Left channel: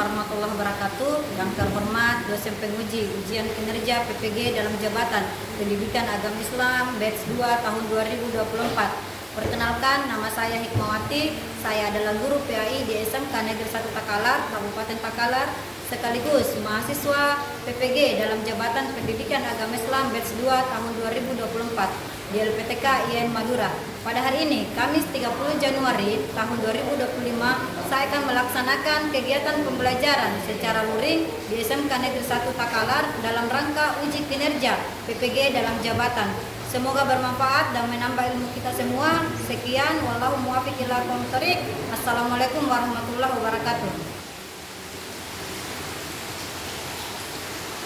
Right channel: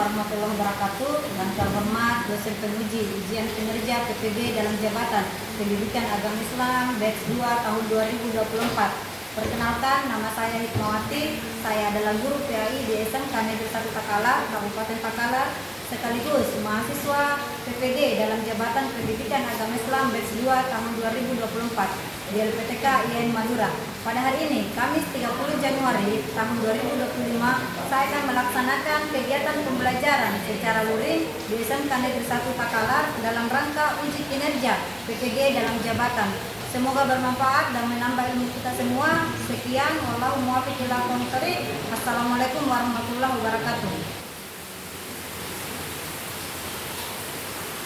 warahmatullahi wabarakatuh. Yang terhormat dosen penguji ujian kinerja PPG dalam jabatan Pendidikan Agama Islam batch 2 tahun 2024. Perkenalkan, nama saya Hikmawati. Saya adalah guru PAI di SMK Negeri 1 Takalar, Kabupaten Takalar, sekaligus mahasiswa PPG dalam jabatan Pendidikan Agama Islam batch 2 tahun 2024 di LPTK IAIN Madura. Pada hari ini, Kamis 30 Januari tahun 2025, saya akan melaksanakan kegiatan pembelajaran secara luring di SMK Negeri 1 Takalar dalam rangka uji kinerja PPG dalam jabatan. Semoga bermanfaat dan menambah ilmu kita semua. Sekian, wallahu muwaffiq ila aqwamit thoriq. Assalamualaikum warahmatullahi wabarakatuh.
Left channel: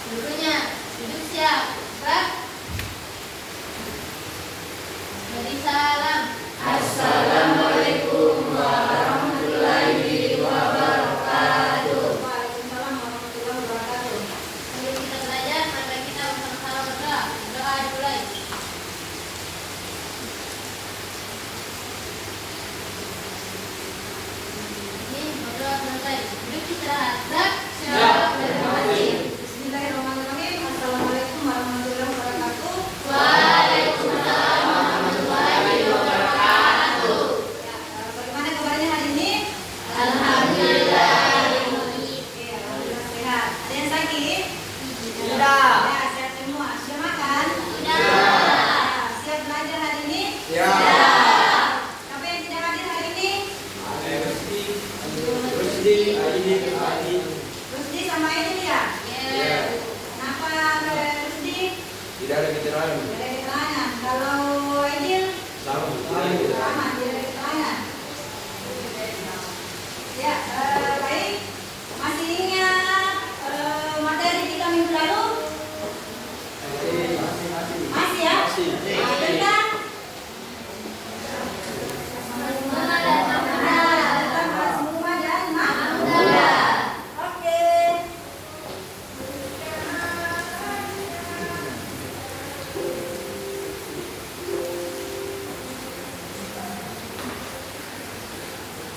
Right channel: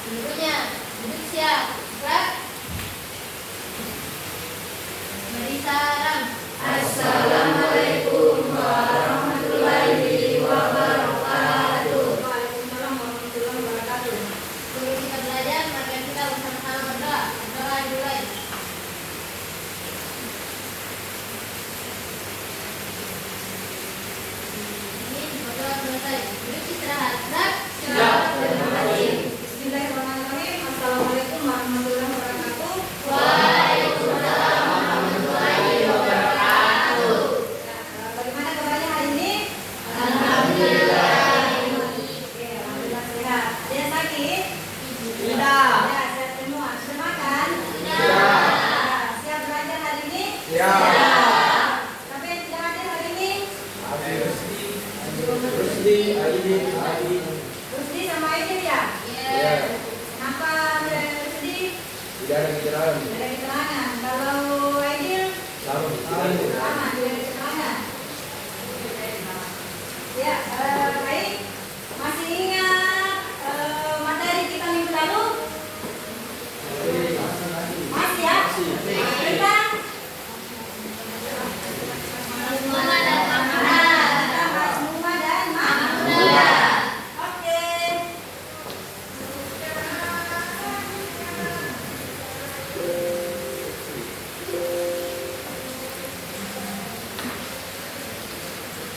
Gurunya duduk siap. Gerak. Beri salam. Assalamualaikum warahmatullahi wabarakatuh. Waalaikumsalam warahmatullahi wabarakatuh. Sebelum kita belajar, mari kita bersama-sama berdoa. Doa dimulai. Ini berdoa selesai. Duduk istirahat. Gerak. Siap. Bismillahirrahmanirrahim. Assalamualaikum warahmatullahi wabarakatuh. Waalaikumsalam warahmatullahi wabarakatuh. Ya, bagaimana kabarnya hari ini? Alhamdulillah. Oke, alhamdulillah sehat. Ada yang sakit? Tidak. Ya, sehat semua. Sudah makan? Tidak. Ya, siap belajar hari ini? Ya. Siapa yang tidak hadir hari ini? Rusdi sama Aidil ya? Ya. Kenapa Rusdi? Tidak ada keterangan. Tidak ada keterangan. Kalau Aidil? Sama Sama, tidak ada keterangan. Ya, baik. Masih ingat materi kita minggu lalu? Masih ya? Tentang Mama dan Mama. tentang Mazmumah dan Mahmudah. Oke.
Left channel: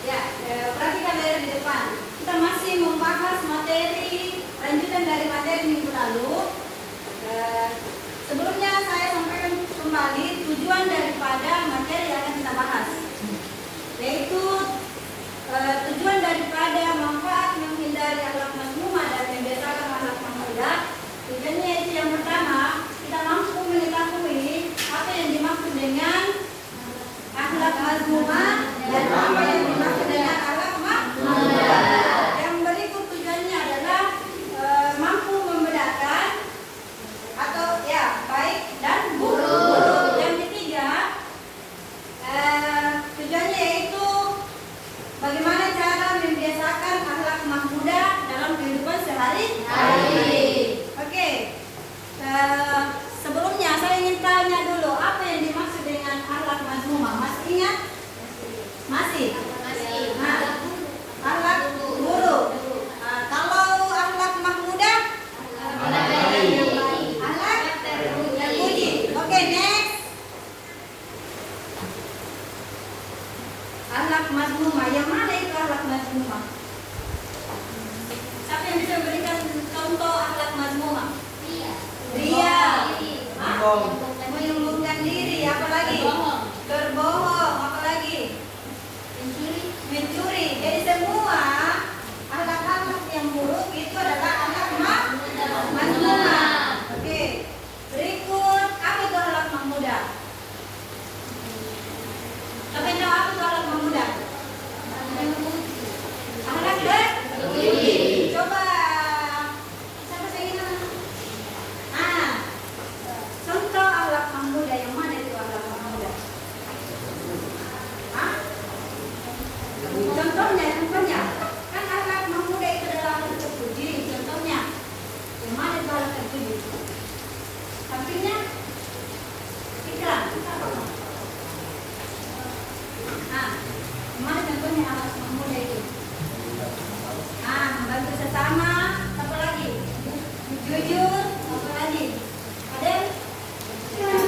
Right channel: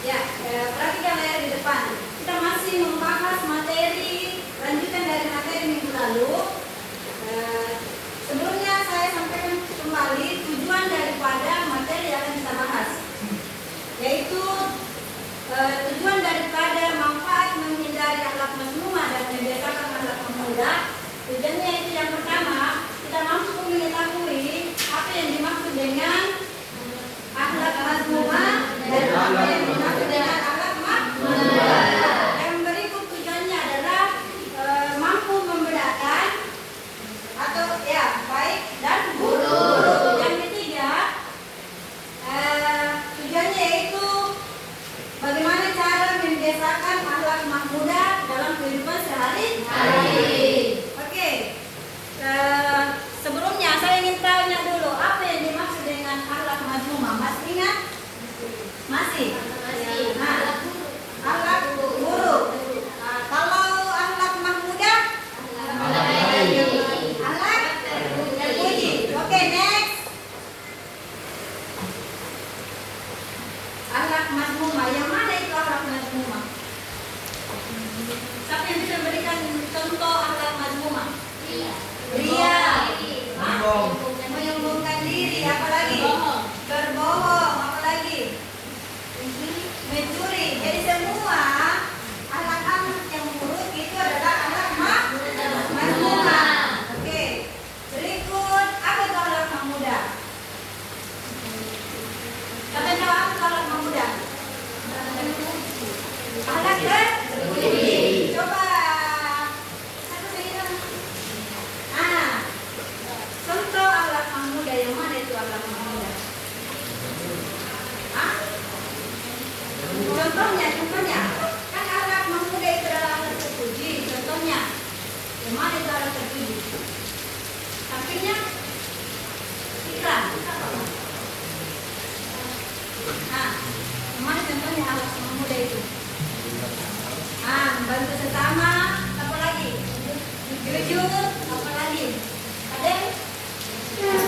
Ya, perhatikan dari di depan. Kita masih membahas materi lanjutan dari materi minggu lalu. Sebelumnya saya sampaikan kembali tujuan daripada materi yang akan kita bahas, yaitu tujuan daripada manfaat menghindari akhlak mazmumah dan membiasakan akhlak mahmudah. Tujuannya itu yang pertama, kita mampu mengetahui apa yang dimaksud dengan akhlak mazmumah dan apa yang dimaksud dengan akhlak mahmudah. Yang berikut tujuannya adalah mampu membedakan atau ya baik dan buruk. Yang ketiga, tujuannya yaitu bagaimana cara membiasakan akhlak mahmudah dalam kehidupan sehari-hari. Oke. Sebelumnya saya ingin tanya dulu apa yang dimaksud dengan akhlak mazmumah. Mas ingat? Masih? Nah, akhlak buruk. Nah, kalau akhlak mahmudah? Akhlak terpuji. Oke, next. Akhlak mazmumah. Yang mana itu akhlak mazmumah? Siapa yang bisa berikan contoh akhlak mazmumah? Ria. Menyombongkan diri. Apa lagi? Berbohong. Apa lagi? Mencuri. Jadi semua akhlak-akhlak yang buruk itu adalah akhlak mazmumah. Oke. Berikut, apa itu akhlak mahmudah? Siapa yang tahu apa itu akhlak mahmudah? Akhlak terpuji. Coba. Siapa saya ingat? Nah, contoh akhlak mahmudah yang mana itu akhlak mahmudah? Hah? Contohnya. Kan akhlak mahmudah itu adalah akhlak terpuji. Contohnya, yang mana itu akhlak terpuji? Sampingnya, pikiran. Nah, yang mana contohnya akhlak mahmudah itu? Nah, membantu sesama. Apa lagi? Jujur. Apa lagi? Ada?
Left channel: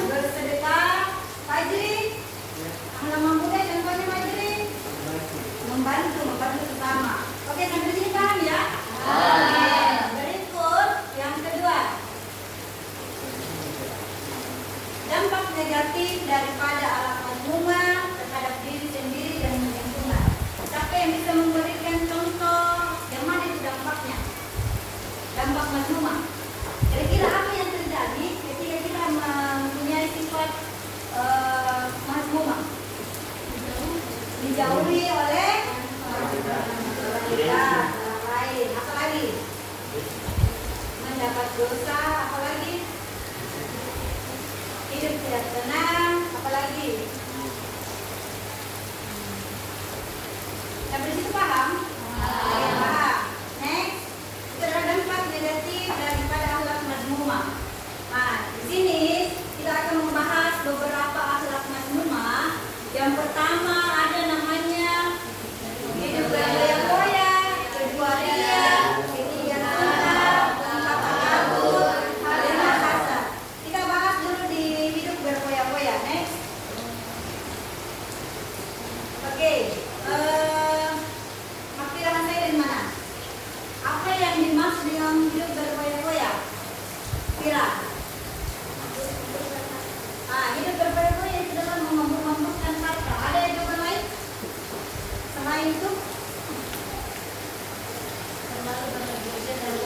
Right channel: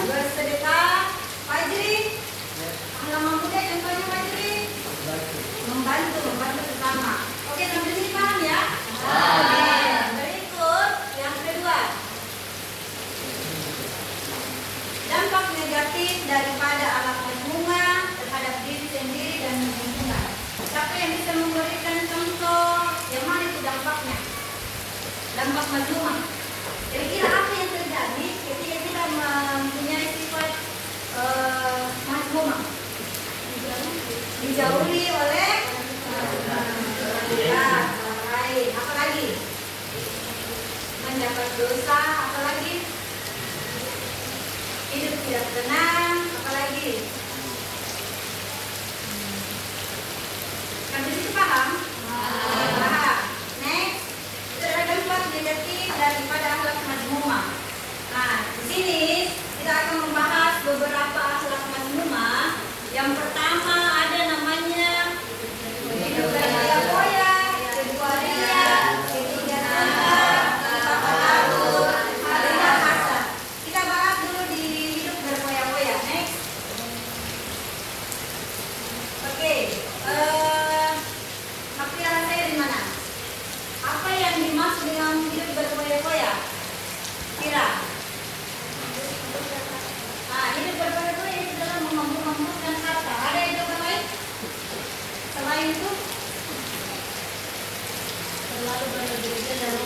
Bersedekah. Fajri. Akhlak mahmudah contohnya Fajri. Membantu sesama. Oke, sampai sini paham ya?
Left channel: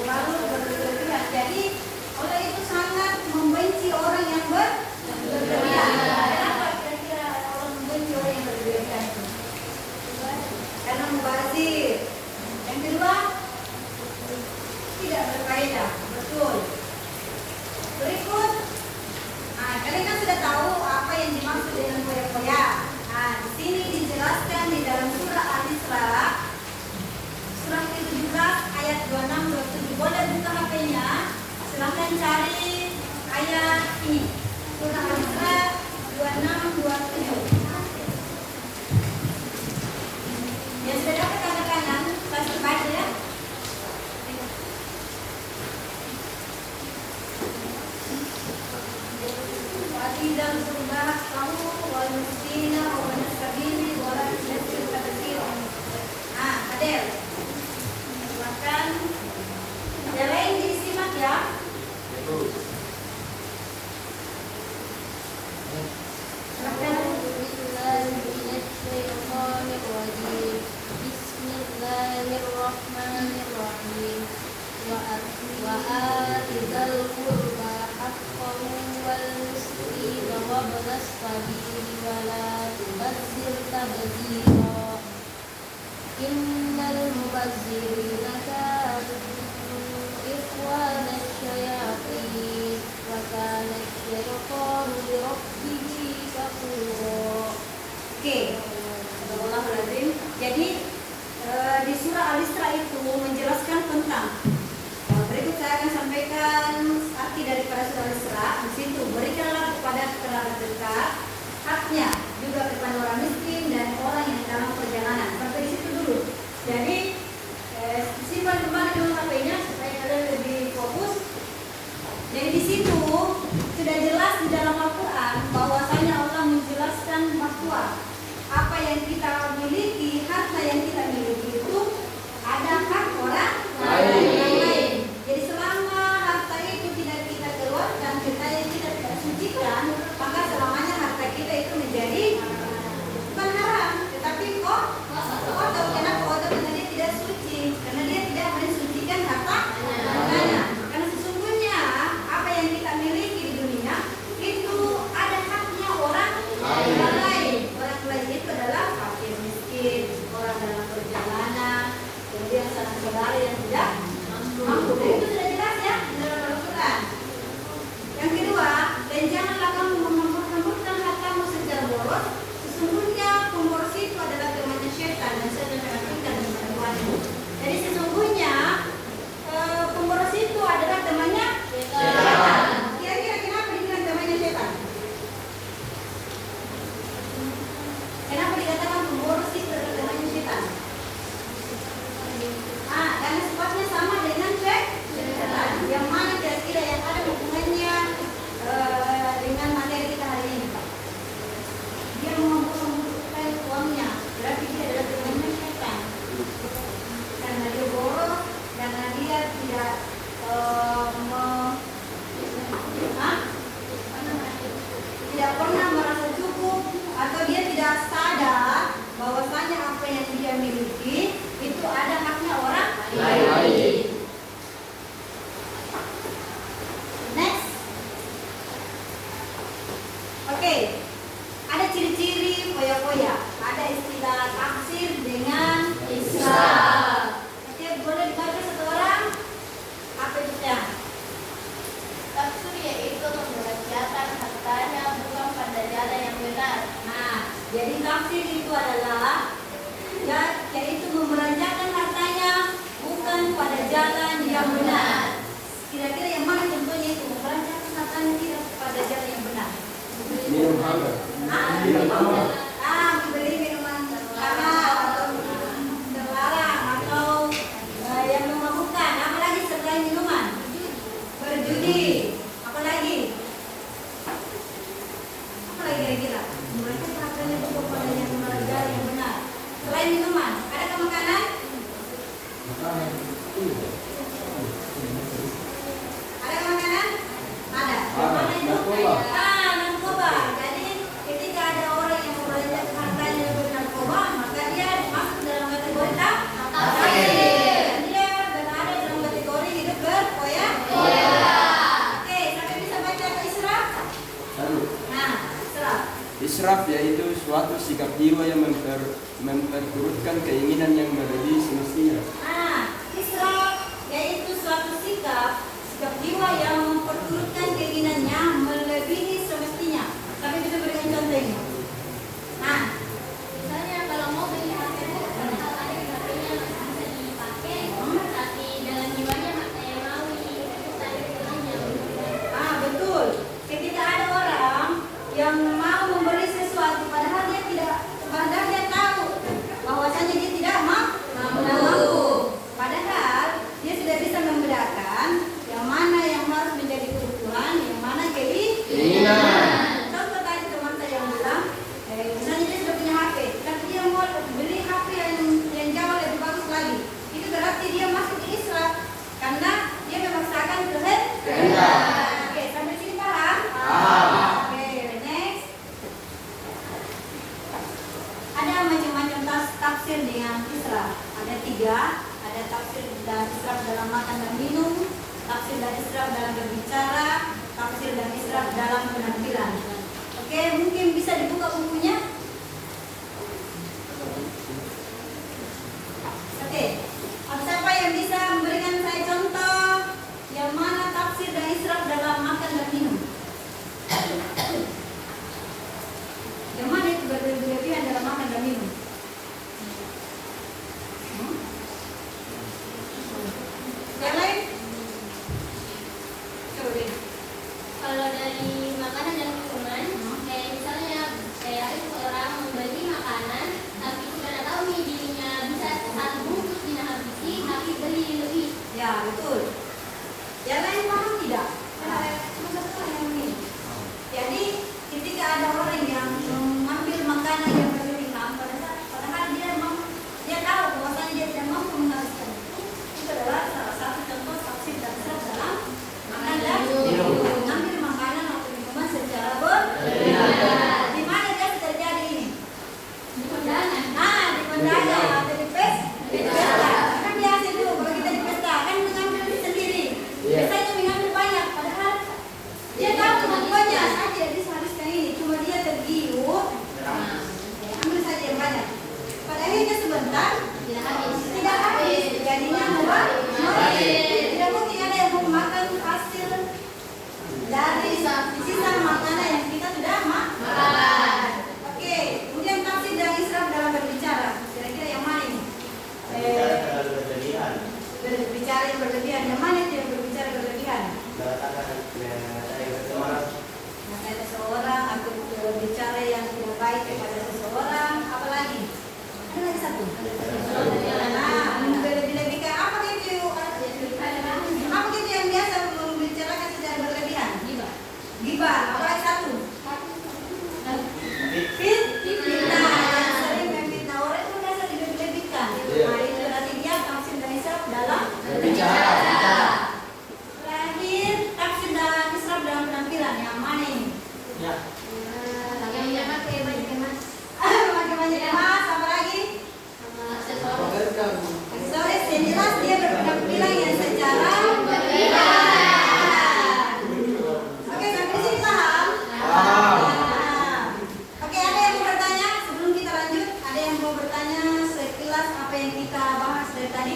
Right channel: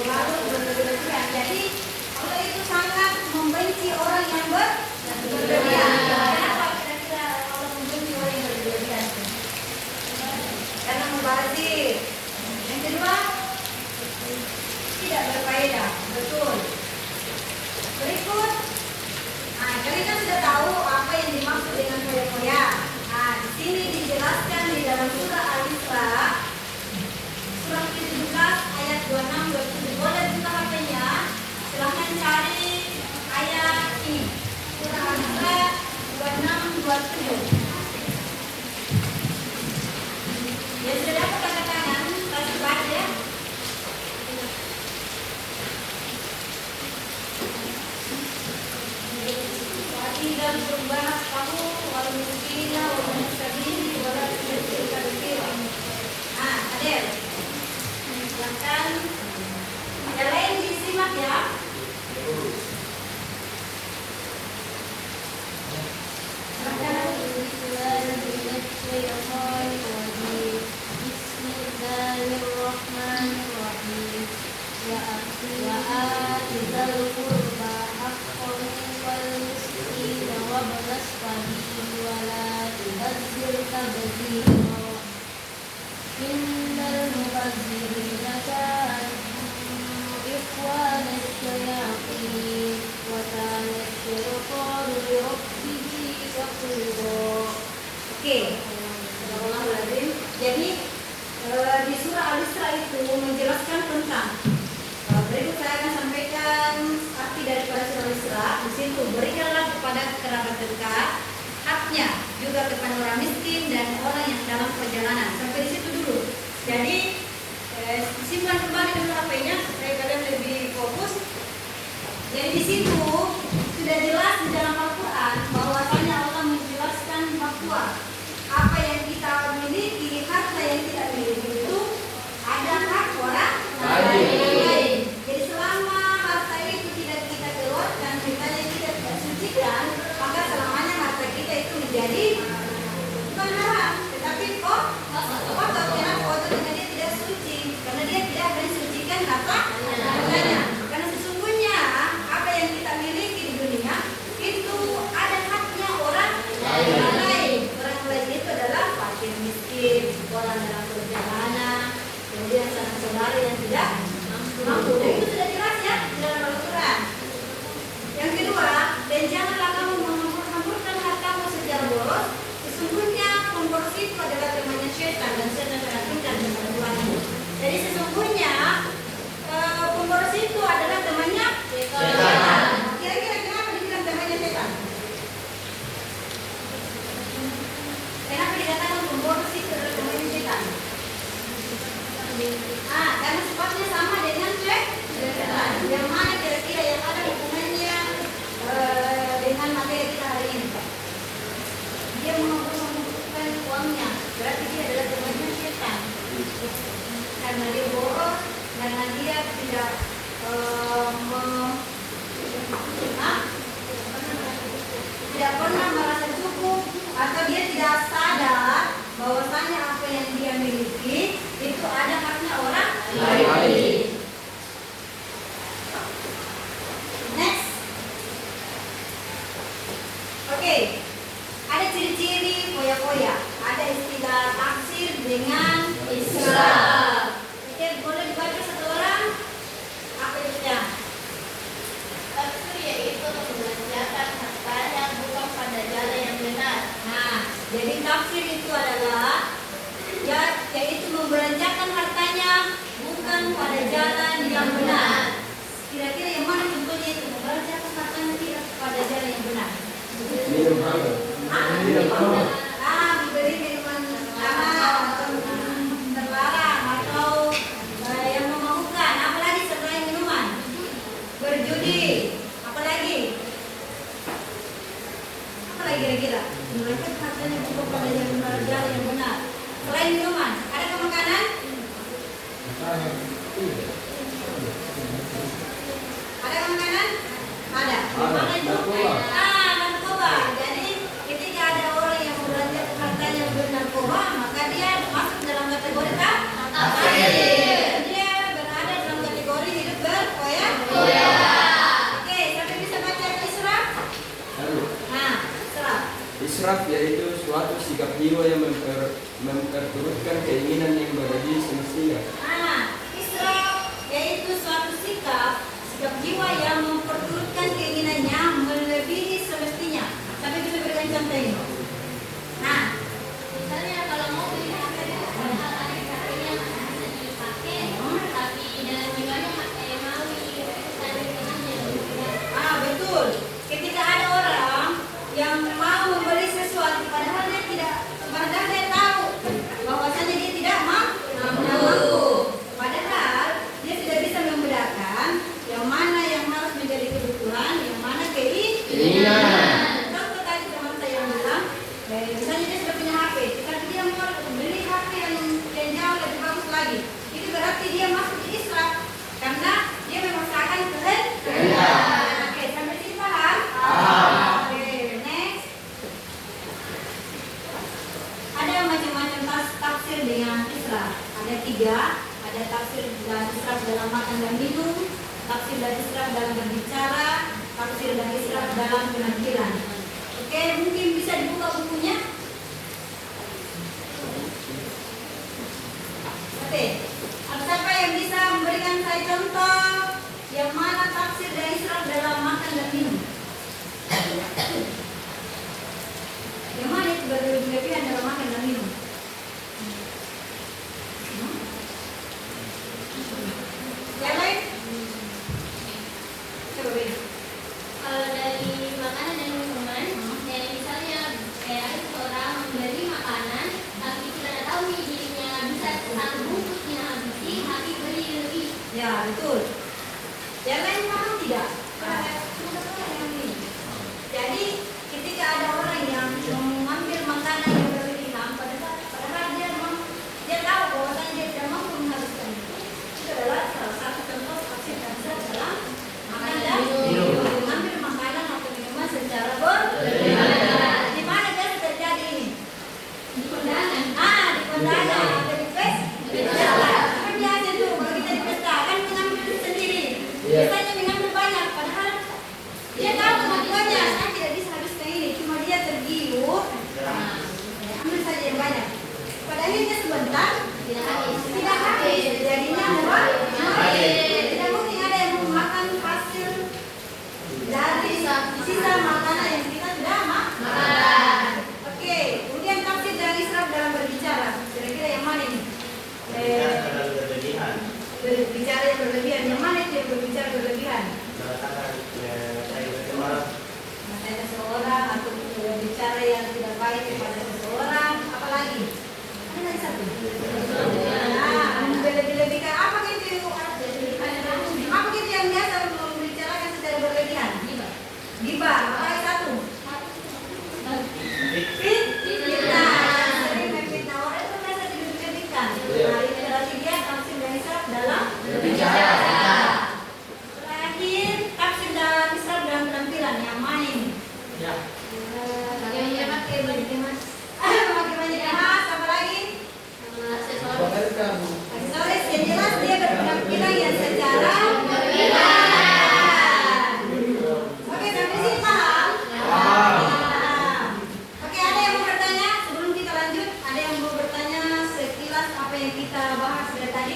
Lalu berlebihan. Jadi Allah itu sangat membenci orang yang berlebihan. Kenapa kira-kira Allah membenci orang yang berlebihan? Karena mubazir. Yang kedua, tidak berfaedah. Betul. Berikut, kalian kan sudah tahu apa yang dimaksud dengan foya-foya. Nah, di sini dijelaskan di dalam surah Al-Isra, surah ke-17 ayat 26-27. Boleh buka HP-nya. Silahkan cari ayat ini. Surah Al-Isra 26-27. Yang sudah dapat tanda tangan, kasih baca ya. Tidak berubah kamu walusina walusabili walau kecil kecil. Nah, Adel, bahkan yang lain disimak ya. Bismillahirrahmanirrahim. Wa'atidal qurba haqqahu wal miskina wa ibnas sabil wa la tubazzir tabdzira. Innal mubazzirina kanu ikhwanasy syayatin wa kana syaiṭanu li rabbih kafura. Oke. Bismillahirrahmanirrahim. Jadi di surah Al-Isra itu menjelaskan tentang berikut saya akan sampaikan arti daripada surah Al-Isra. Di situ berikanlah kepada kerabat dekat haknya, juga kepada orang miskin dan orang yang dalam perjalanan. Sampai di situ dulu. Jadi simpan kembali nomor HP-nya supaya kalian lebih fokus. Jadi di situ sudah jelas di dalam Al-Quran bahwasanya Allah menjelaskan bahwa apa yang kita miliki, harta yang kita miliki itu ada hak orang lain. Jadi selama harta itu tidak kita keluarkan, kita tidak sucikan, maka selamanya harta kita itu menjadi bukan haram, tetapi kotor. Kenapa kotor? Karena dia tidak suci, karena dia tidak mensucikan hartanya. Karena sesungguhnya apa yang kita miliki di dunia itu ada haknya orang lain. Orang lain itu adalah fakir miskin, orang dalam perjalanan, kemudian sanak saudara yang tidak mampu. Dan itu sudah jelas ya di dalam Al-Quran. Yang kedua, dan janganlah kamu mengumpulkan hartamu secara boros. Sesungguhnya pemboros itu adalah temannya syaitan dan syaitan menakutkan dan membuatnya. Jadi sesungguhnya pemboros itu adalah temannya syaitan. Kira-kira kenapa dibilang temannya syaitan? Kenapa dikatakan pemboros itu adalah temannya syaitan? Karena sifatnya sama dengan syaitan. Yang mana kira-kira yang ada hubungannya dengan materi kita hari ini? Dia mengumpulkan uangnya, berarti dia adalah temannya syaitan. Karena dia boros, karena dia tidak tidak pernah merasa cukup, atau dia tidak sadar bahwasanya apa yang dia miliki itu ada haknya orang lain. Next. Oke. Ada ciri-ciri foya-foya. Ada istilah taksir dengan israf. Oke, boleh dibaca satu orang? Apa itu ya? Taksir yaitu membelanjakan hartanya bukan pada jalan yang benar. Nah, jadi taksir itu adalah yaitu membelanjakan hartanya bukan pada jalan yang benar. Kira-kira yang mana contohnya itu membelanjakan hartanya tidak pada jalan yang benar? Minum hangat. Beli minuman mahal atau terlarang atau yang memabukkan. Apalagi selain minuman? Berjudi. Apalagi kira-kira? Membelanjakan hartanya bukan pada jalan yang benar. Selain minuman, ada ke makanan? Ada ke makanan? Ada. Mana itu? Narkoba. Jadi ketika ada orang yang membelanjakan hartanya untuk narkoba, maka dia masuk dalam kategori taksir. Dia berada dalam kategori yaitu suatu sikap jiwa yang memperturutkan keinginan yang berlebih semestinya. Israf yaitu suatu sikap jiwa yang memperturutkan keinginannya melebihi semestinya. Tapi bisa berikan contoh ini. Misalnya kalau mau beli HP padahal ada HP-nya masih bisa dipakai, tapi dalam jiwanya mau ikutan aja. Betul. Ketika ada orang yang mau membeli sesuatu padahal dia tahu bahwasanya dia tidak mampu. Padahal dia sudah bisa membedakan yang mana yang harus menjadi kebutuhan, yang mana keinginan. Contoh tadi teman saya yang bilang, misalnya dia sudah punya HP, tapi dia mau beli HP yang jauh lebih bagus lagi. Itu berarti dia masuk ke Islam karena dia memaksakan kehendak. Oke, sampai sini paham? Oke, next. Ada macam-macam tafsir dengan Islam. Ada 3. Ada tafsir dan israf dalam makan dan minum, tafsir dan israf dalam berbicara, tafsir dan israf dalam penampilan. Oke, mungkin bisa dibuka bukunya. Oke, siapa yang bisa memberikan saya contoh yang mana tafsir dan israf dalam makan dan minum? Yang mana itu berlebihan dalam makan dan minum? Yang lain? Coba beri. Kalau dari makanan dan minuman, kayak misalnya ada seorang membeli makanan, tapi tidak tahu nih dirinya bisa sanggup tidak habisi, tapi beli lebih. Ya, betul. Yang lain paham tidak? Jadi, ketika ada orang yang mengambil makanan yang berlebihan, padahal dia tahu bahwasanya dia tidak mampu menghabiskan itu adalah salah satu contoh tafsir dan israf dalam makan dan minum. Mengambil makanan atau minuman secara berlebihan. Di mana biasa terjadi ini? Di kondangan. Di kondangan atau di pesta. Kan biasa tuh kalau kita di pesta kan mengambil sendiri. Biasanya mengambil banyak, padahal dia tahu kemampuannya. Saya tidak bisa habiskan ini, cuma dia tergiur. Ambil saja yang banyak. Pada akhirnya sebentar tidak habis. Jadinya murah. Tidak mungkin ada yang mau makan hasil dari sisa makanan yang kita sudah makan. Oke, kemudian tafsir dan israf dalam berbicara. Kira-kira yang mana ini? Berbicara yang berlebihan. Yang mana itu yang berbicara berlebihan? Ada seseorang atau berbicara yang tidak baik kepada seseorang, apalagi? Ada lagi satu. Berlebih-lebihkan apa gitu? Apa gitu yang biasa membicarakan secara berlebihan? Gibah. Apalagi satu? Fitnah. Sering memfitnah orang itu biasa dilebih-lebihkan. Nah, itu berarti dia tafsir dan israf dalam berbicara. Terakhir, tafsir dalam israf dalam penampilan. Yang mana ini? Yang pakai baju kemas. Memakai banyak emas, apa lagi? Aksesoris yang jelas dia berpenampilan yang secara berlebihan. Oke, sampai sini paham? Oke, ada yang mau bertanya sebelum kita lanjut? Ada yang mau bertanya sekilas apa yang kita bahas dari tadi?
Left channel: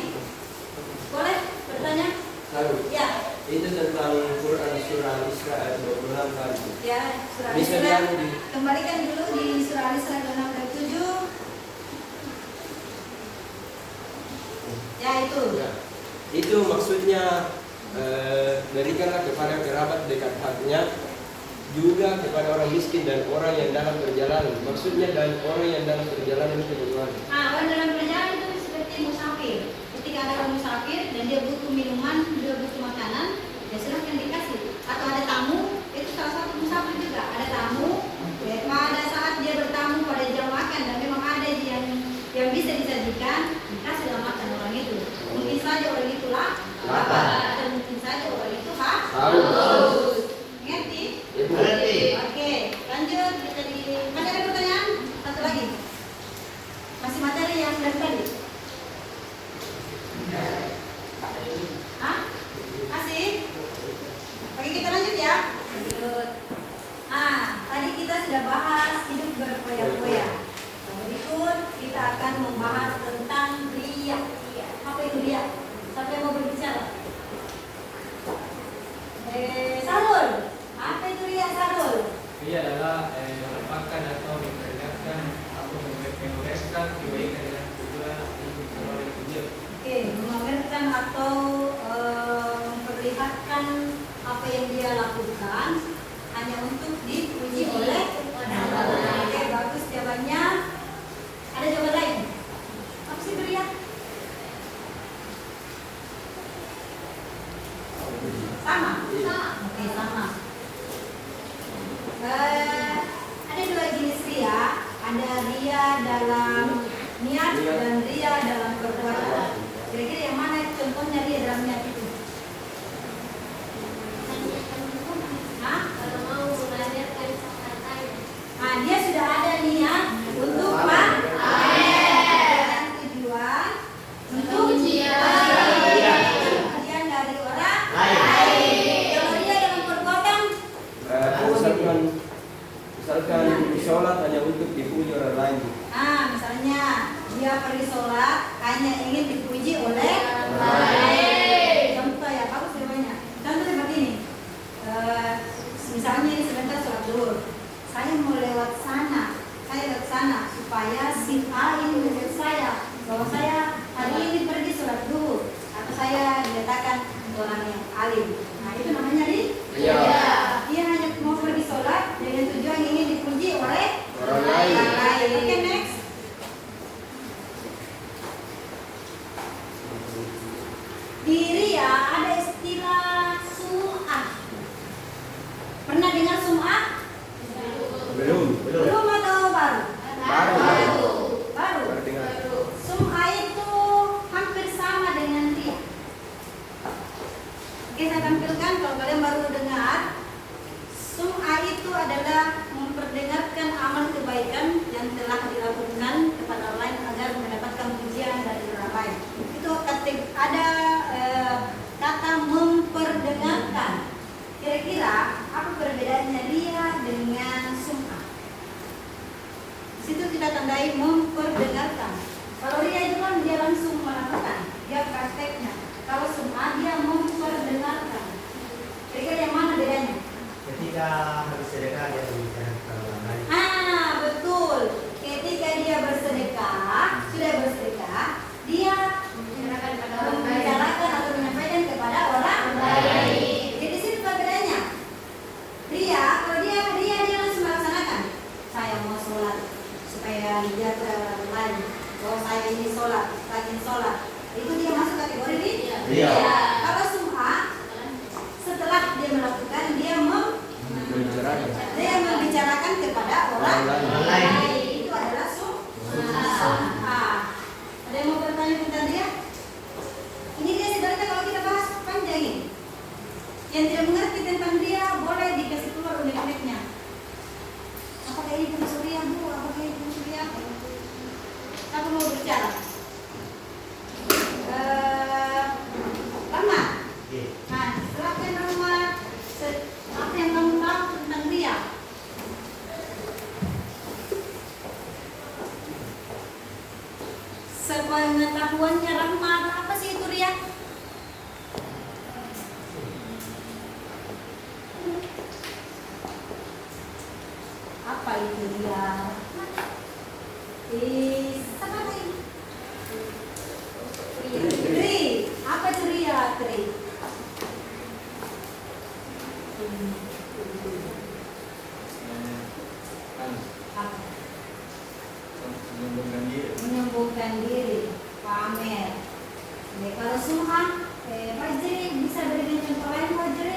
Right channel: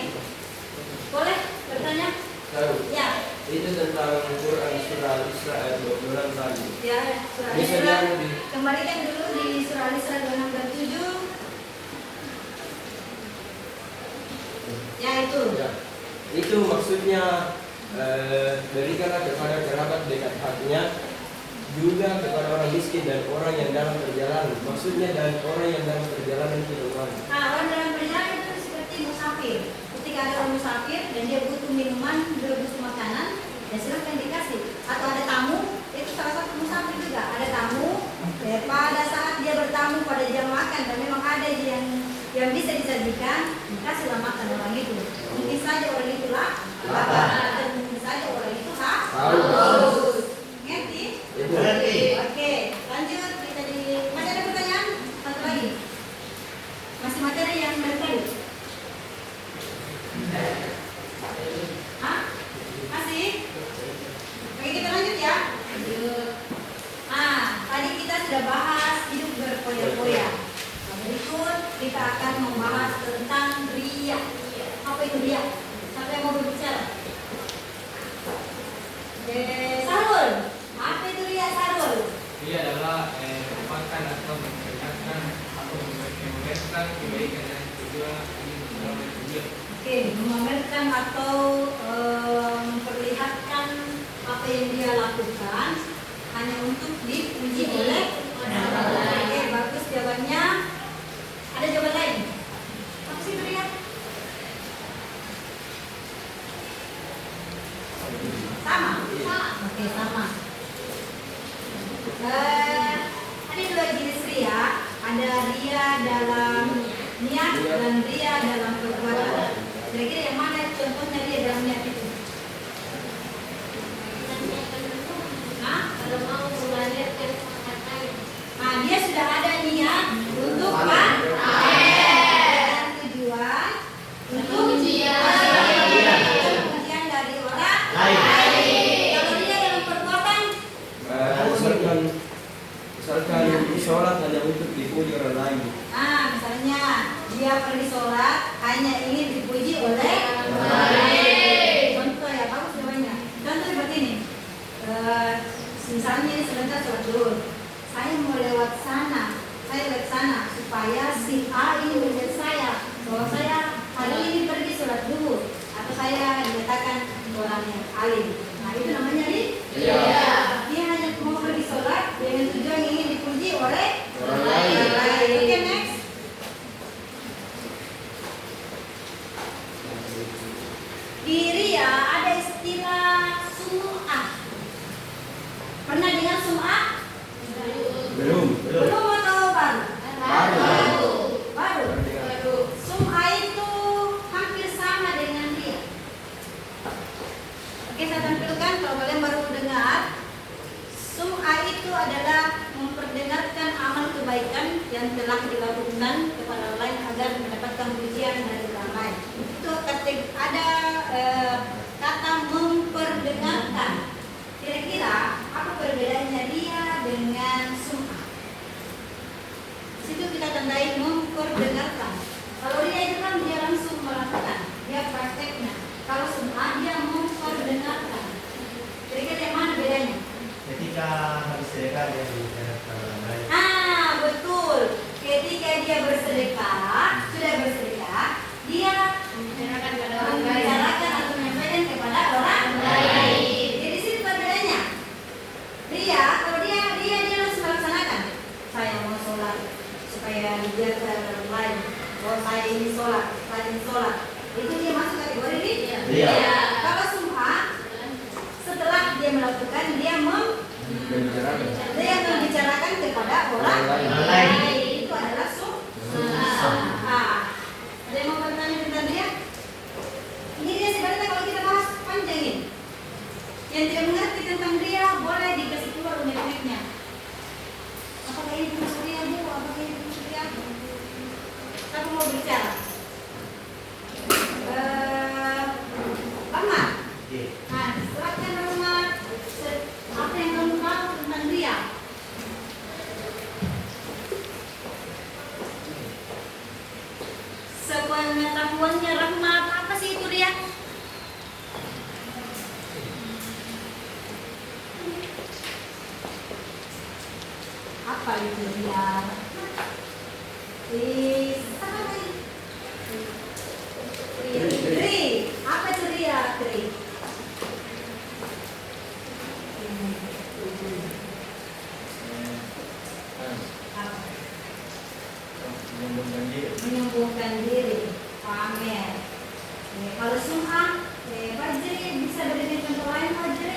Boleh bertanya? Tahu? Ya. Itu tentang Quran surah Al-Isra ayat 26 tadi. Ya, surah Bisa Al-Isra. diambil di Kembalikan dulu di surah Al-Isra 27. Ya, itu. Ya. Itu maksudnya berikanlah kepada kerabat dekat hatinya, juga kepada orang miskin dan orang yang dalam perjalanan. Maksudnya dan orang yang dalam perjalanan itu bagaimana? Nah, orang dalam perjalanan itu seperti musafir. Ketika ada orang musafir dan dia butuh minuman, juga butuh makanan, ya silahkan dikasih. Atau ada tamu, itu salah satu musafir juga. Ada tamu, ya, pada saat dia bertamu pada jam makan dan memang ada yang bisa disajikan, dikasihlah makan orang itu. Mungkin saja orang itu lapar dan mungkin saja orang itu haus. Ngerti? Oke, lanjut kita masih ada pertanyaan? Satu lagi. Masih materi yang dari tadi? Hah? Masih? Oke, kita lanjut ya. Tadi kita sudah bahas hidup berpoya untuk dipuji oleh orang lain. Oke, bagus jawabannya. Ada jawaban lain? Apa sih itu ya? Sama? Oke, sama. Ada dua jenis ria. Ada ria dalam niat dan ria dalam perbuatan. Kira-kira yang mana contohnya ria dalam niat itu? Hah? Kalau mau melahirkan pakai Nah, dia sudah ada niat untuk pamer. Tujuan untuk pujian dari orang lain. Kalau dia dalam perbuatan, misalkan sholat hanya untuk dipuji orang lain. nah misalnya dia pergi sholat hanya ingin dipuji oleh orang lain. Contoh ya, bagus ya banyak. Contoh seperti ini. Misalnya ini sebentar sholat dulu. Saya mau lewat sana, supaya si A ini melihat saya bahwa saya hari ini pergi sholat dulu, atau saya dikatakan orang yang alim. Nah itu namanya Ria. Dia hanya mau pergi sholat dengan tujuan ingin dipuji oleh Orang lain. Oke, next. Di ria ada istilah sum'ah. Pernah dengar sum'ah? Belum. Belum atau baru? baru. Baru. Sum'ah itu hampir sama dengan ria. Oke, saya tampilkan kalau kalian baru dengar. Sum'ah itu adalah memperdengarkan amal kebaikan yang telah dilakukan kepada orang lain agar mendapatkan pujian dari orang lain. Itu ada kata memperdengarkan. Kira-kira apa perbedaannya ria dengan sum'ah? Di situ kita tandai memperdengarkan. Kalau ria itu kan dia langsung melakukan, dia prakteknya. Kalau sum'ah dia memperdengarkan. Kira-kira yang mana bedanya? Ketika bersedekah dia berikan kepada orang lain. Betul. Ketika dia bersedekah, sudah bersedekah, dia Menyerahkan pada orang lain. membicarakan atau menyampaikan kepada orang lain. Jadi situ bedanya. Dia, kalau dia langsung melaksanakan. Saya mau sholat supaya dilihat orang lain bahwa saya ini sholat, rajin sholat. Itu dia masuk kategori Ria. Kalau sum'ah, setelah dia melakukan, dia membicarakan kepada orang lain. Itu adalah sum'ah. Ada yang mau bertanya tentang dia? Ini dia sebenarnya kalau kita bahas panjang ini. Yang tidak mengerti tentang dia boleh dikasih keluar unek-uneknya. Apakah ini termasuk ria, Bu? Apakah ini termasuk ria? Siapa mau bicara? Rahmat. Nah, silakan Rahmat. Apa yang kamu tahu tentang dia? Sepengetahuannya Rahmat, apa sih itu ria? Apa itu ria? Sama nih. Tri. Apa itu ria, Tri? Apa? Menyembuhkan diri, pamer. Kalau sum'ah, Fajri bisa berikan contoh lain, Fajri?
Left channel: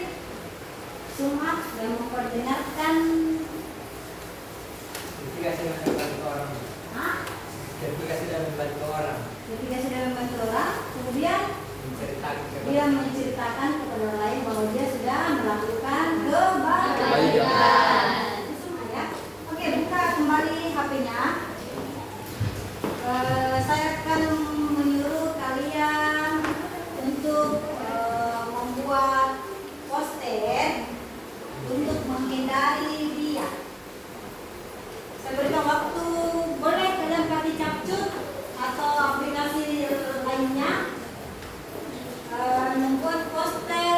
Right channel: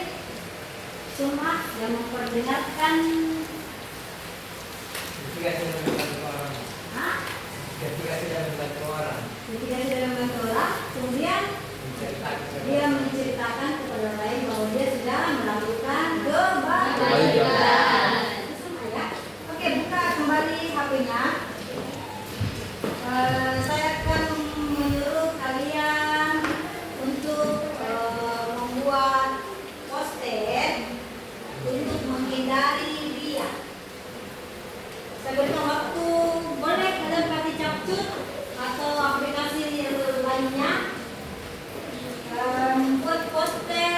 Sum'ah yang memperdengarkan. Ketika sudah membantu orang. Hah? Ketika sudah membantu orang. Ketika sudah membantu orang, kemudian Menceritakan dia menceritakan kepada orang lain bahwa dia sudah melakukan kebaikan. Itu semua ya. Oke, buka kembali HP-nya. Saya akan menyuruh kalian untuk membuat poster untuk menghindari dia. Saya berikan waktu, boleh kalian pakai capcut atau aplikasi lainnya membuat poster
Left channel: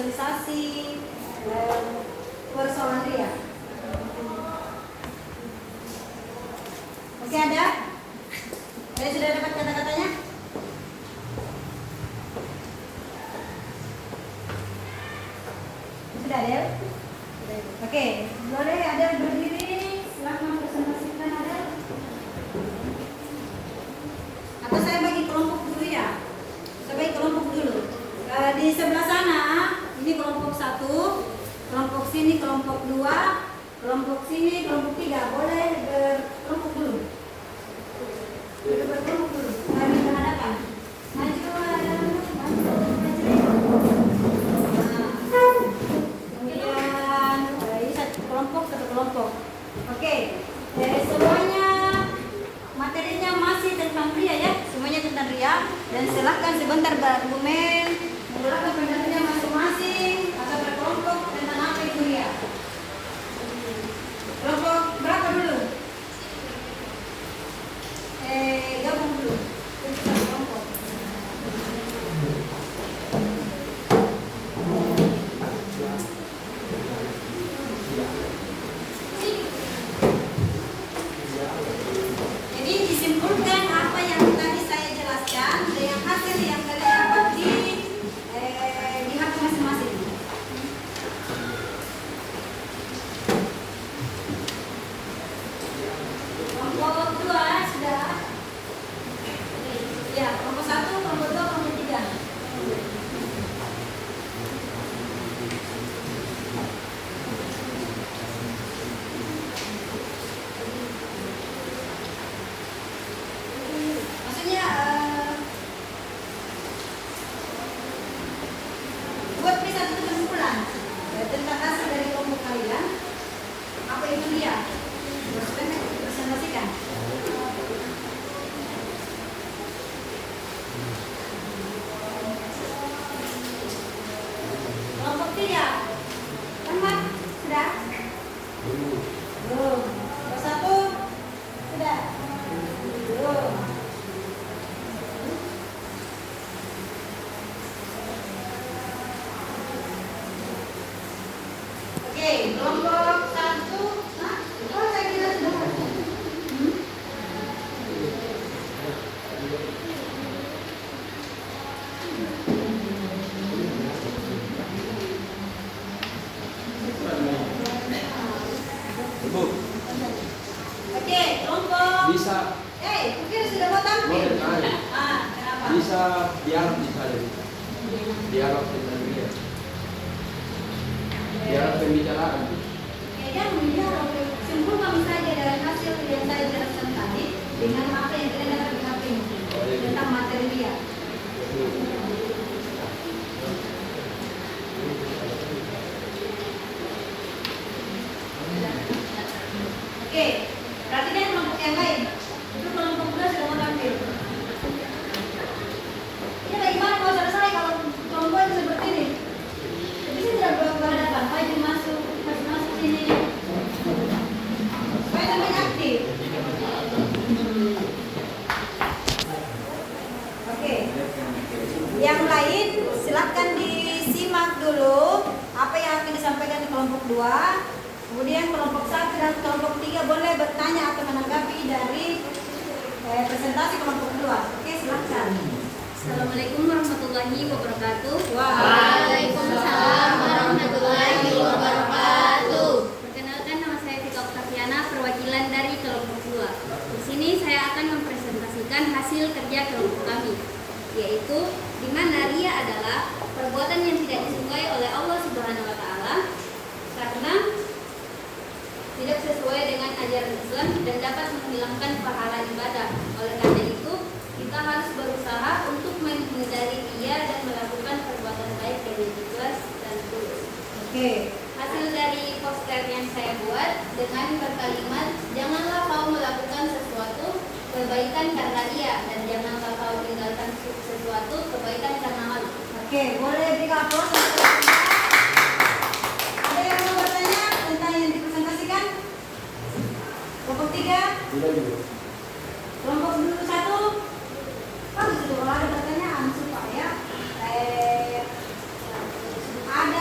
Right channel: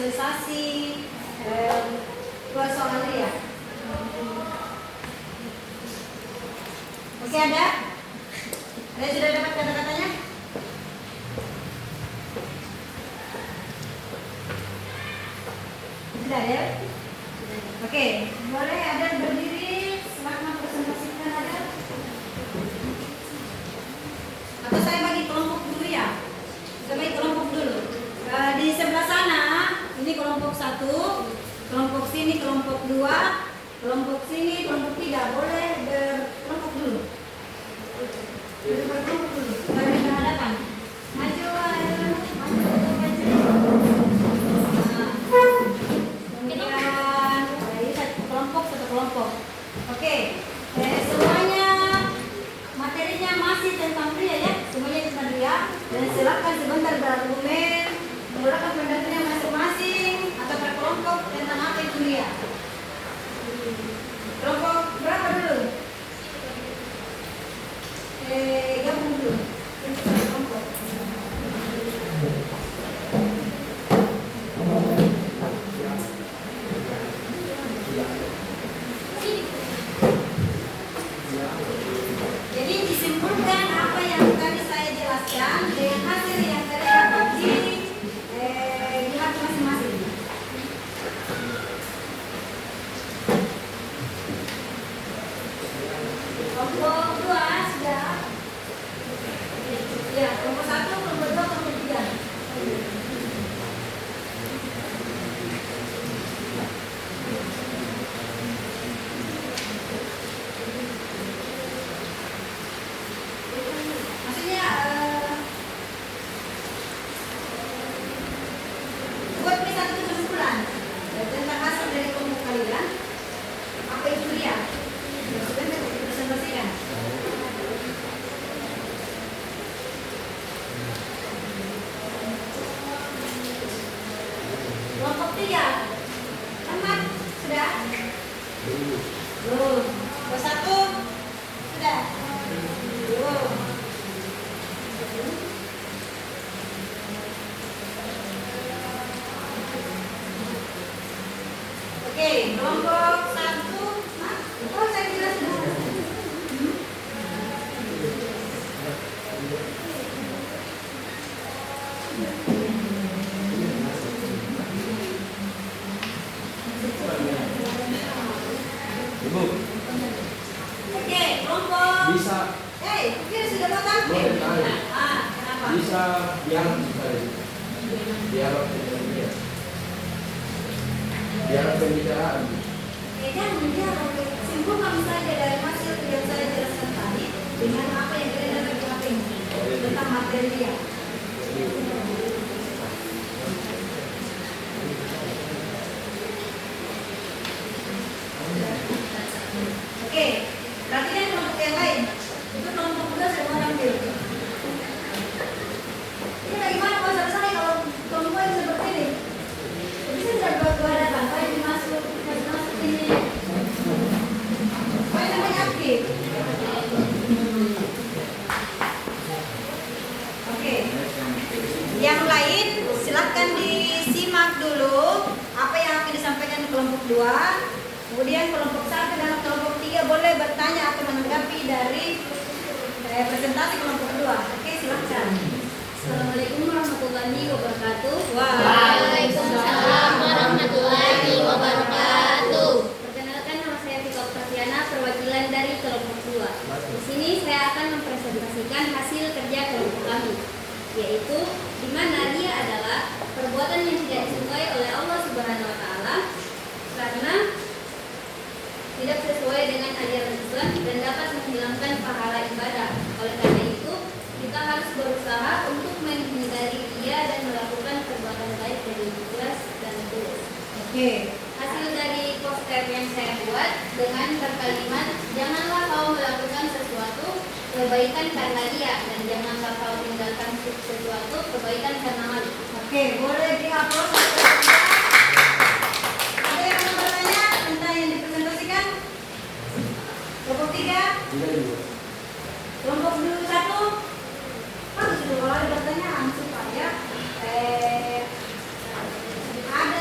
sosialisasi persoalan dia. Oke, ada? Saya sudah dapat kata-katanya? Sudah ya? Oke, boleh ada berdiri, silakan presentasikan ada. Atau saya bagi kelompok dulu ya. Saya bagi kelompok dulu. Di sebelah sana, ini kelompok 1, kelompok sini kelompok 2, kelompok sini kelompok 3. Boleh berkelompok dulu. Berkelompok dulu. Mari menghadapkan. Maju, maju. Kemudian ini satu kelompok. Oke, semuanya materinya masih tentang pria ya, semuanya tentang pria. Dan silakan sebentar berargumen, menggunakan pendapatnya masing-masing atau berkelompok tentang apa itu pria. Kelompok berapa dulu? Gabung dulu. Kelompok. Jadi disimpulkan apa yang tadi saya jelaskan dengan hasil yang kalian dapat di hati masing-masing. Kelompok 2 sudah. Ya, kelompok 1, kelompok 2, kelompok 3. Maksudnya buat satu kesimpulan ya, tentang hasil dari kelompok kalian. Apa itu dia? Maksudnya presentasikan. Kelompok 3. Umat sudah? Belum. Kelompok 1 sudah? Belum. Oke, kelompok 1. Oh, saya tidak sudah. Ibu, Oke, kelompok. bisa Kira sudah mau tampil? Mau tanya. Kenapa? bisa dialog sekali. Dialog tentang dia. Dialog pembicaraan. Jangan menjawab, simpulkan saja dari hasil yang saya jelaskan tadi dengan apa yang kalian dapat di HP tentang materi dia. Oke, perhatikan kelompok yang lain. Itu kelompok 2 sudah mau ambil. Ini bagaimana kalau selesai kalau kelompok seperti ini? Jadi saya tidak berhadapan, Pak ini masuk ini. Pak sampai aktif. Oke. Yang lain silakan disimak dulu apa yang akan disampaikan kelompok 2. Kemudian kelompok 1 dan kelompok 3 boleh bertanya atau menanggapi dari presentasi kelompok 2. Oke, silakan. Assalamualaikum warahmatullahi wabarakatuh. Waalaikumsalam warahmatullahi wabarakatuh. Perkenalkan, nama saya Vika Oktaviana, perwakilan dari kelompok 2. Di sini saya akan mempresentasikan hasil kerja kelompok kami, yaitu di mana ria adalah perbuatan yang tidak disukai oleh Allah Subhanahu wa taala karena tidak sesuai dengan ajaran Islam dan dapat menghilangkan pahala ibadah. Oleh karena itu, kita harus berusaha untuk menghindari ria dan melakukan perbuatan baik dengan ikhlas dan tulus. Oke. Hasil dari poster yang saya buat dengan berkalimat, janganlah kau melakukan sesuatu kebaikan karena ria, dan janganlah kau meninggalkan sesuatu kebaikan karena malu. Oke, boleh dihapus. Ada yang mau bertanya tentang yang dipresentasikan? Kelompok 3, Tidak juga. kelompok 1. Kalau ada pertanyaan supaya ada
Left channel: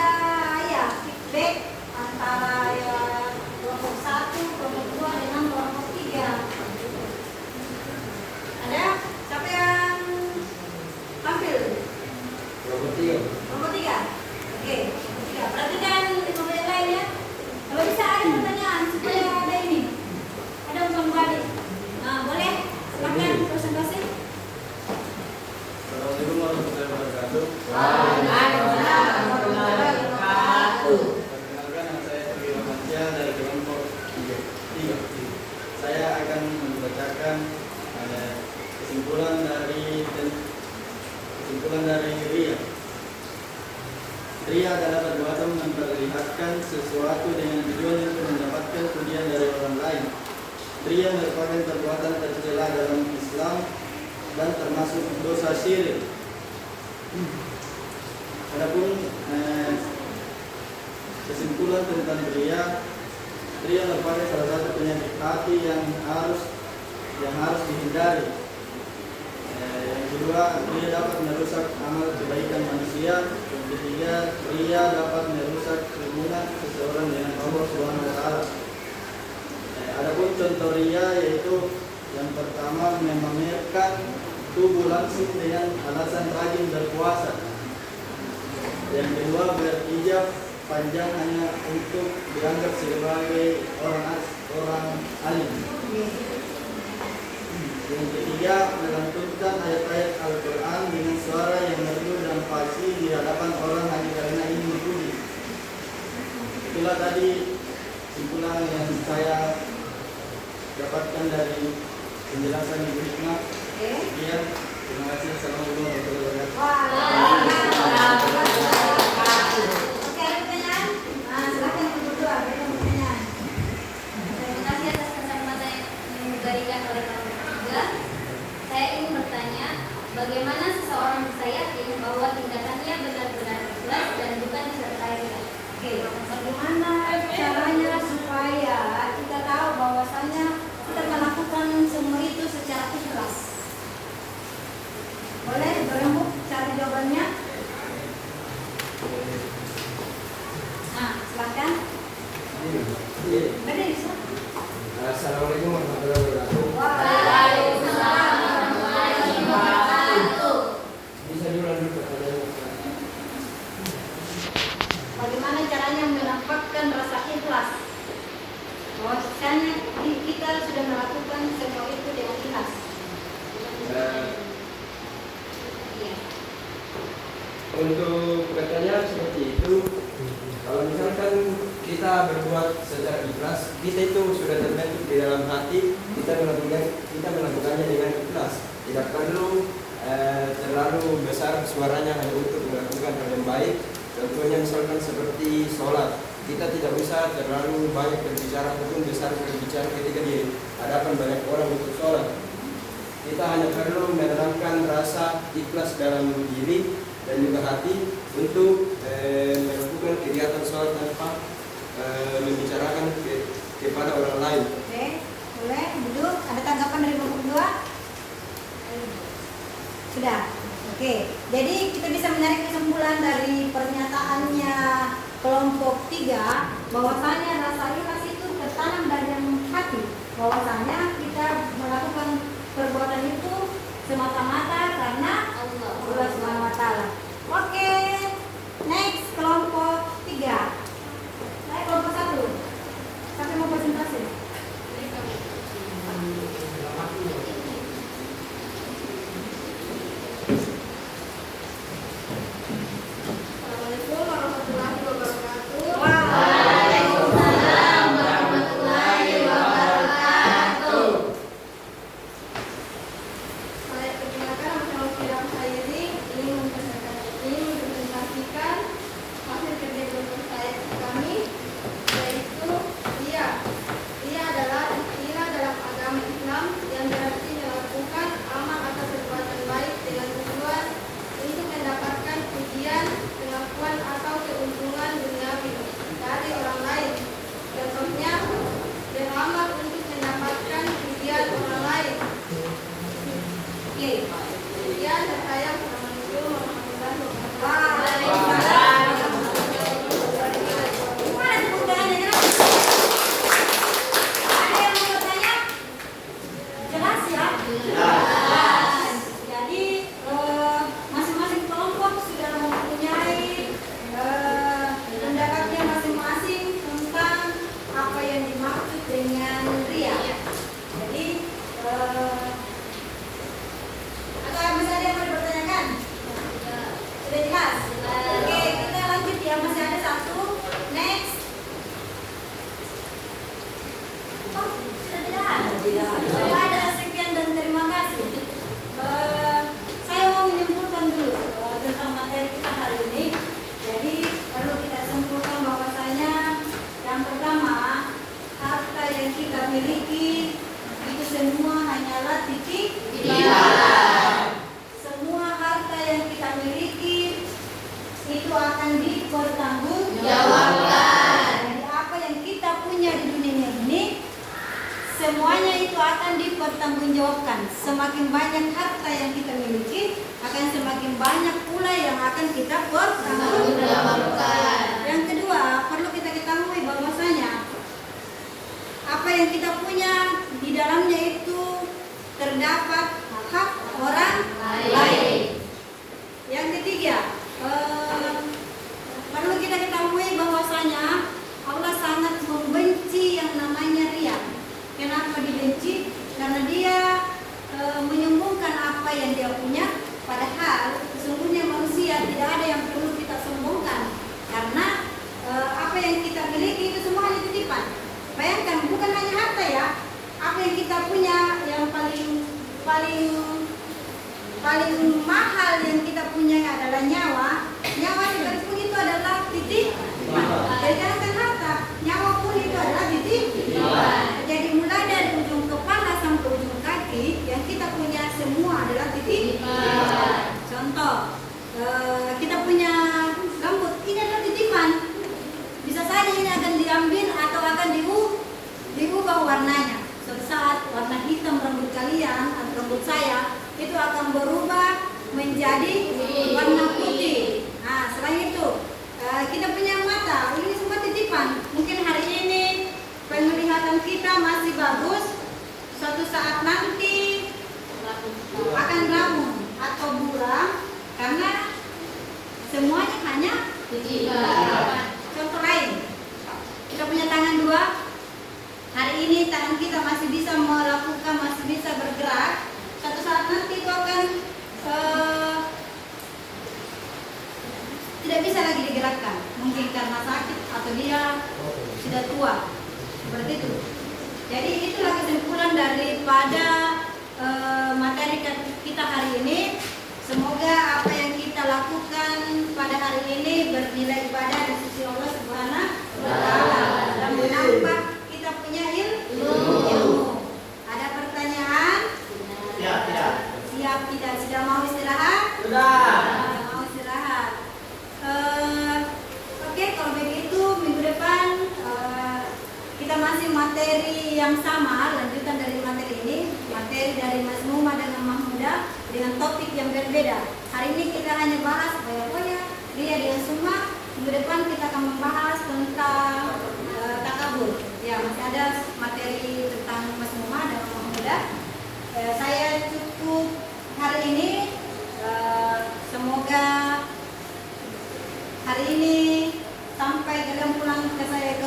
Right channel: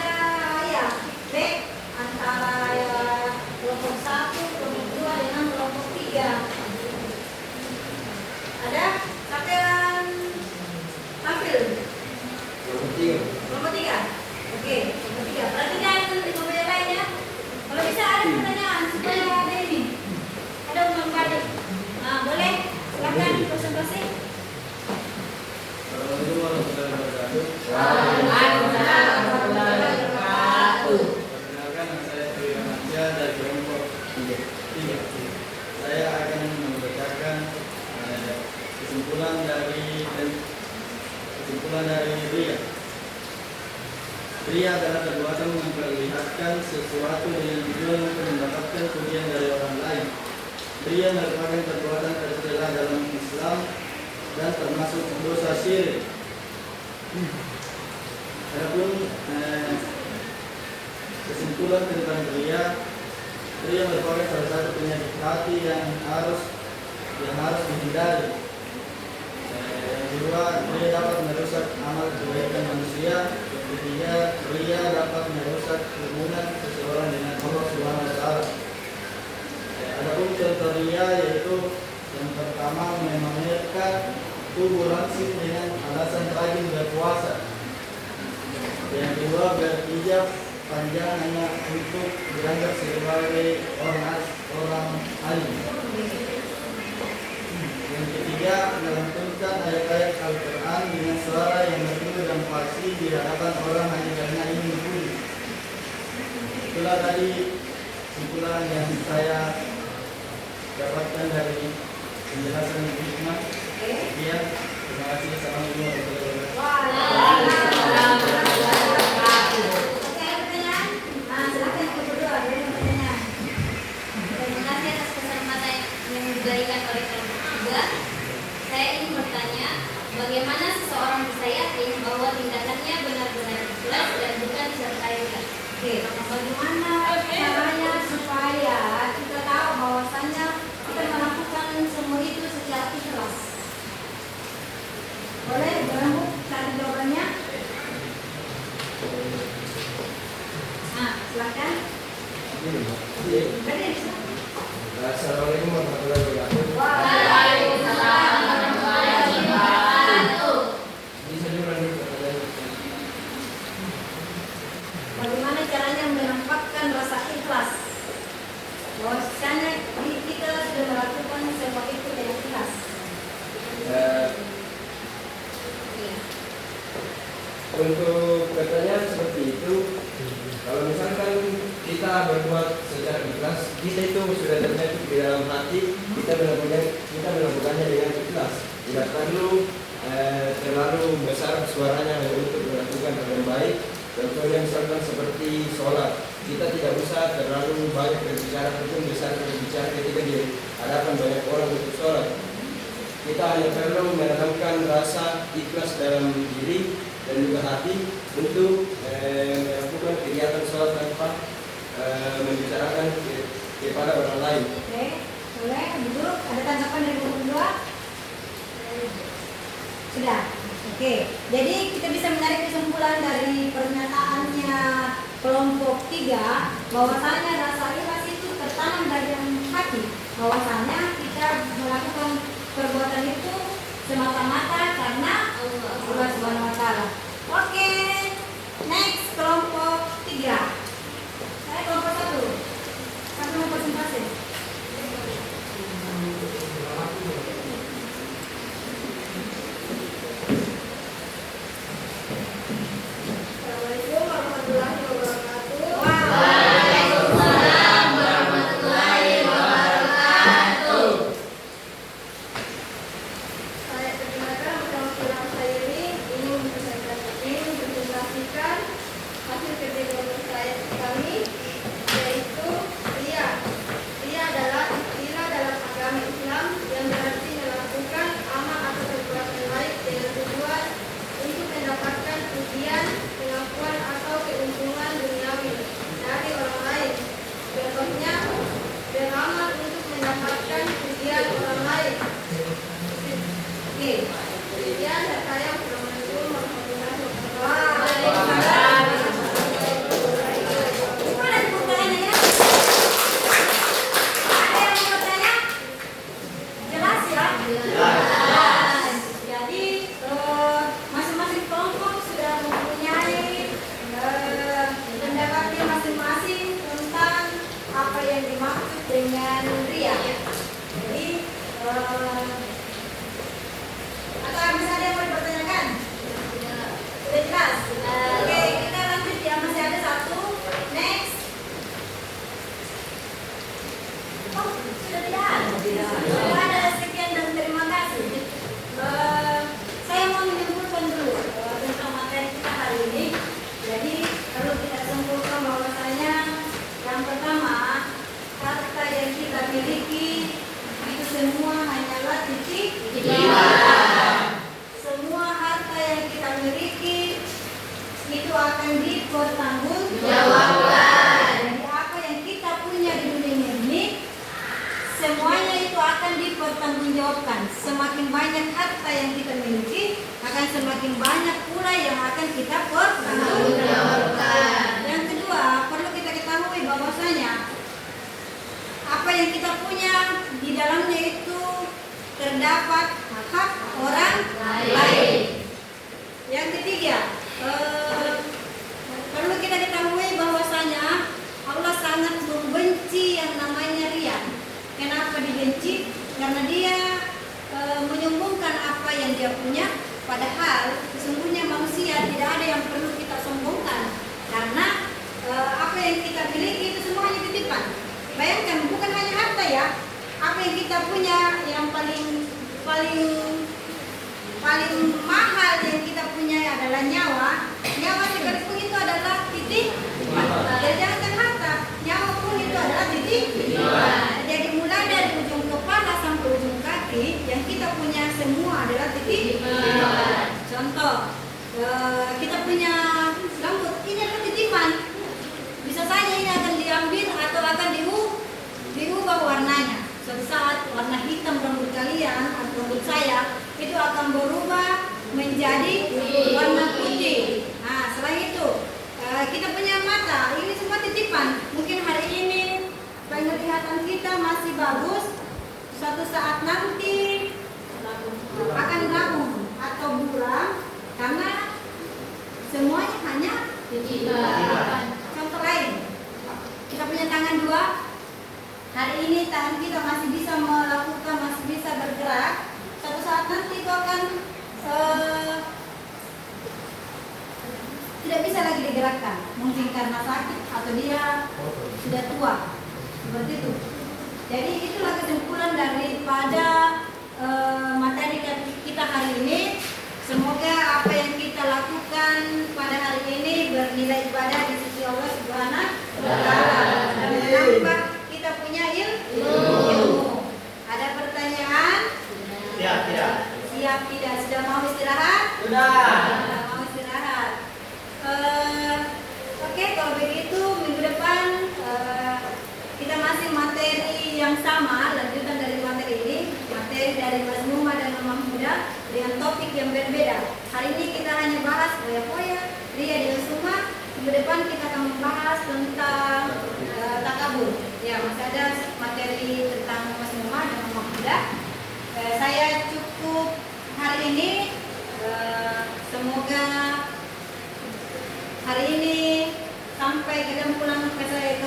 sesuatu dengan tujuan untuk mendapatkan pujian dari orang lain. Ria merupakan perbuatan tercela dalam Islam dan termasuk dosa syirik. Adapun kesimpulan tentang ria merupakan salah satu penyakit hati yang harus dihindari. Yang kedua, ria dapat merusak amal kebaikan manusia. Yang ketiga, ria dapat merusak hubungan seseorang dengan Allah Subhanahu wa taala. Adapun contoh ria yaitu yang pertama memamerkan tubuh langsing dengan alasan rajin berpuasa. Yang kedua, berhijab panjang hanya untuk dianggap sebagai orang alim. Yang ketiga, melantunkan ayat-ayat Al-Quran dengan suara yang merdu dan fasih di hadapan orang hanya karena ingin dipuji. Itulah tadi kesimpulan yang saya dapatkan dari penjelasan hikmah. Ya, terima kasih. Assalamualaikum warahmatullahi wabarakatuh. Oke, ada pertanyaan? Nah, silakan yang kedua, ada yang pertanyaan. Terima kasih atas kesempatan yang diberikan oleh kami juga. Saya ingin bertanya, bagaimana seseorang bisa yakin bahwa tindakannya benar-benar ikhlas dan bukan disertai niat? Oke, bagaimana caranya supaya kita tahu bahwasannya kita melakukan semua itu secara ikhlas? Boleh berembuk cari jawabannya? Nah, silakan. Ada bisa? Assalamualaikum warahmatullahi wabarakatuh. Waalaikumsalam warahmatullahi wabarakatuh. Bisa diulangi pertanyaannya? Bagaimana caranya menampakkan rasa ikhlas? Bahwasanya kita sudah melakukan semua itu dengan ikhlas. Untuk pertanyaan seperti itu, kalau misalkan kita berbuat secara ikhlas, kita itu sudah terbentuk di dalam hati, kita melakukannya dengan ikhlas. Tidak perlu terlalu besar suaranya hanya untuk melakukan hal yang baik. Contohnya misalkan seperti sholat, kita tidak usah terlalu banyak berbicara ataupun besar berbicara ketika di hadapan banyak orang untuk sholat. Kita hanya perlu menanamkan rasa ikhlas dalam diri dan juga hati untuk melakukan kegiatan sholat tanpa membicarakan kepada orang lain. Oke, boleh duduk. Ada tanggapan dari Bapak berdua? Sudah. Oke, jadi kita bisa menarik kesimpulan dari pernyataannya kelompok 3 bahwasanya rasa ikhlas itu tertanam dari hati. Bahwasanya kita melakukan perbuatan itu semata-mata karena Allah Subhanahu wa taala. Oke. Next kelompok 3. Saya kelompok 1. Satu mau presentasi. Assalamualaikum warahmatullahi wabarakatuh. Waalaikumsalam warahmatullahi wabarakatuh. Saya perkenalkan nama saya ini presentasikan yang kita punya di dalamnya itu terdapat hak orang lain. Yang ketiga, perlu kita ketahui bahwasanya Allah sangat membenci yang namanya riya. Kenapa dibenci? Karena dia menyombongkan apa yang dia punya, padahal sesungguhnya manusia tidak ada yang perlu kita sombongkan, karena apa yang kita miliki itu semua hanya titipan. Bayangkan, bukan hanya harta ya, apa yang kita punya yang paling mahal yang kita punya adalah nyawa. Nyawa sekalipun itu adalah titipan. Jangan harta, nyawa pun itu adalah titipan. Jadi mulai dari ujung kepala sampai ujung kaki yang kita punya semua adalah titipan. Contoh, kita punya rambut, ini adalah titipan. Bisa saja ini akan diambil atau akan diubah warnanya. Suatu saat warna hitam rambut kalian atau rambut saya itu akan berubah menjadi warna putih. Nah, selain itu kita punya mata, ini semua titipan. Mungkin hari ini penglihatan kita masih bagus, suatu saat nanti akan rabun atau buram karena semuanya hanya titipan. Contoh lain, kita punya tangan dua. Hari ini tangan kita masih bisa melakukan, masih bisa bergerak. Suatu saat nanti itu akan tidak bisa lagi digerakkan, mungkin karena sakit atau dia sudah tua, seperti itu. Jadi itulah kesimpulan daripada materi kita hari ini. Semoga apa yang kita lakukan pada hari ini bernilai ibadah di sisi Allah Subhanahu wa Ta'ala dan menambah kita punya ilmu. Ada pertanyaan? Siap, tidak. Siap tidak? Sudah mau istirahat? Sudah. Mau istirahat. Oke, kalau begitu minggu depan kita masih materi yang sama, lanjutan dari materi ini, materi dari Mas Muhammad dan Mama Muda dengan topik yang berbeda. Hari ini kita hanya bahas poya-poya, ria dan suma. Minggu depan kita akan membahas tentang takabur. Ya, masih ada materi tentang Mas Muhammad dan Mama Muda. Saya cukup hari ini. Semoga hari ini sampai kadang pulang ke saya